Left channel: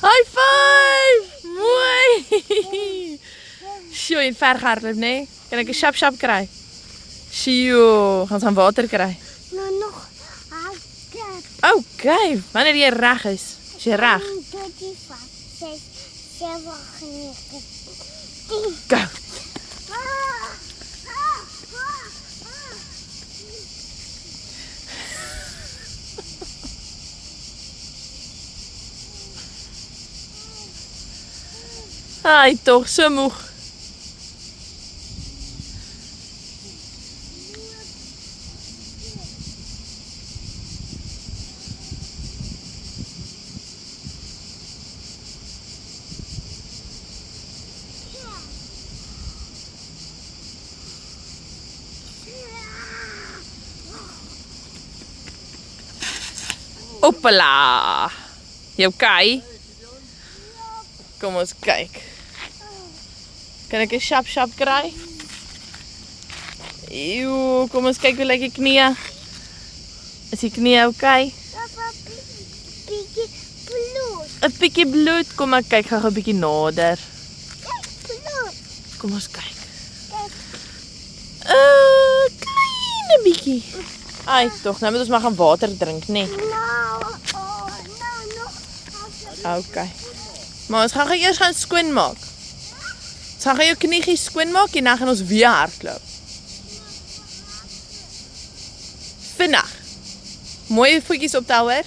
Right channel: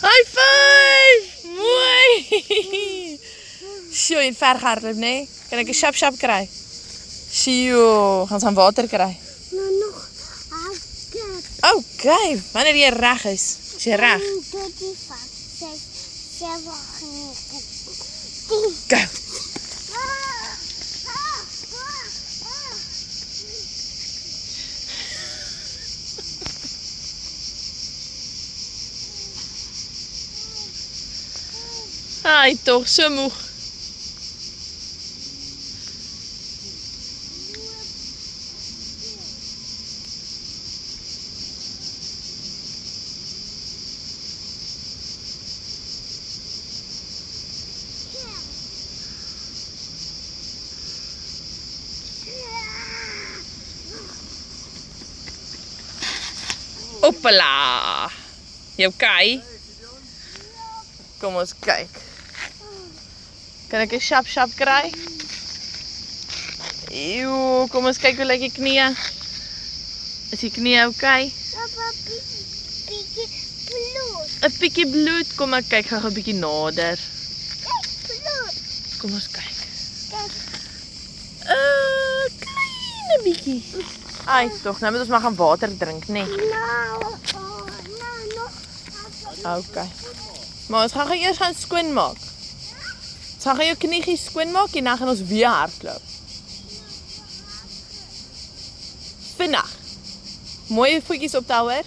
High five! Mooi! Sjoe, je het ver gehardloop, nee? Kan ik een shap kry? Sjoe, gaan ons aan water kry. Nou nog. Okay, wanneer jy reg is. Is jy reg? 1, 2, 3, 4, 5, 6, 7, 8, 9, 10. Go! Ai, toch, so moeg. Hoppala! Jy okay? Kom ons kyk. Kan ek 'n shap kry? Eeuw, kom ons kyk hoe lyk die knie. Is die knie okay? Papa, bietjie bloed. 'n bietjie bloed. Kom ek kyk gou 'n bietjie nader. Kijk, bloed. Kom ons kyk. Kijk. Kleine bietjie. Ai, tog, nou moet ons maar gaan water drink, nee. Nou, nog. Okay. Maar ons gaan gou eers gaan skoonmaak. Ons gaan jou kniegies skoonmaak en dan gaan ons weer hardloop. Vinnig. Mooie voetjies optel hoor.